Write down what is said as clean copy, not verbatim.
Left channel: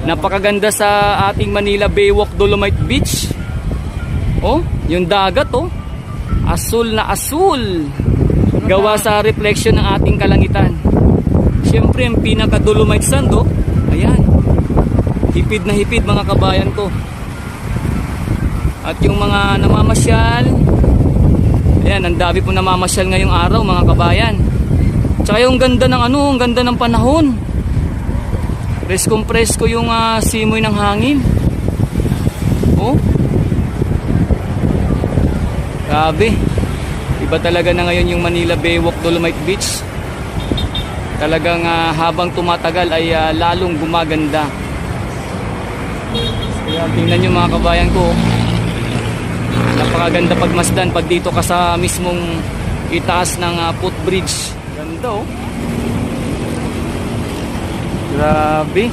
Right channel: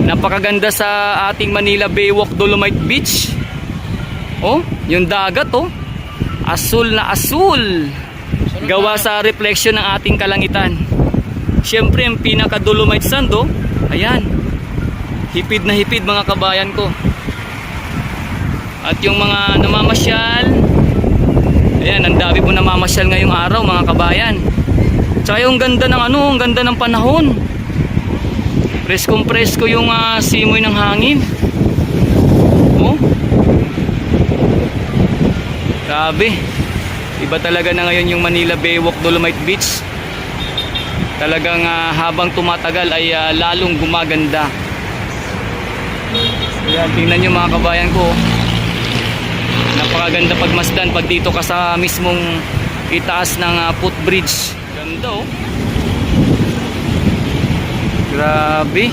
Napakaganda sa ating Manila Baywalk Dolomite Beach. Oh, yung dagat oh. Asul na asul. Gawa sa reflection ng ating kalangitan. Siyempre, ang pinaka Dolomite sand oh. Ayan. Hipid na hipid mga kabayan ko. At yung mga namamasyal, ayan, ang dami po namamasyal ngayong araw mga kabayan. Tsaka yung ganda ng ang ganda ng panahon. Preskong presko yung simoy ng hangin. Oh. Grabe. Iba talaga na ngayon yung Manila Baywalk Dolomite Beach. Talagang habang tumatagal ay lalong gumaganda. Kaya tingnan nyo mga kabayan ko. Napakaganda pagmasdan pag dito ka sa mismong itaas ng footbridge. Ganda oh. Grabe.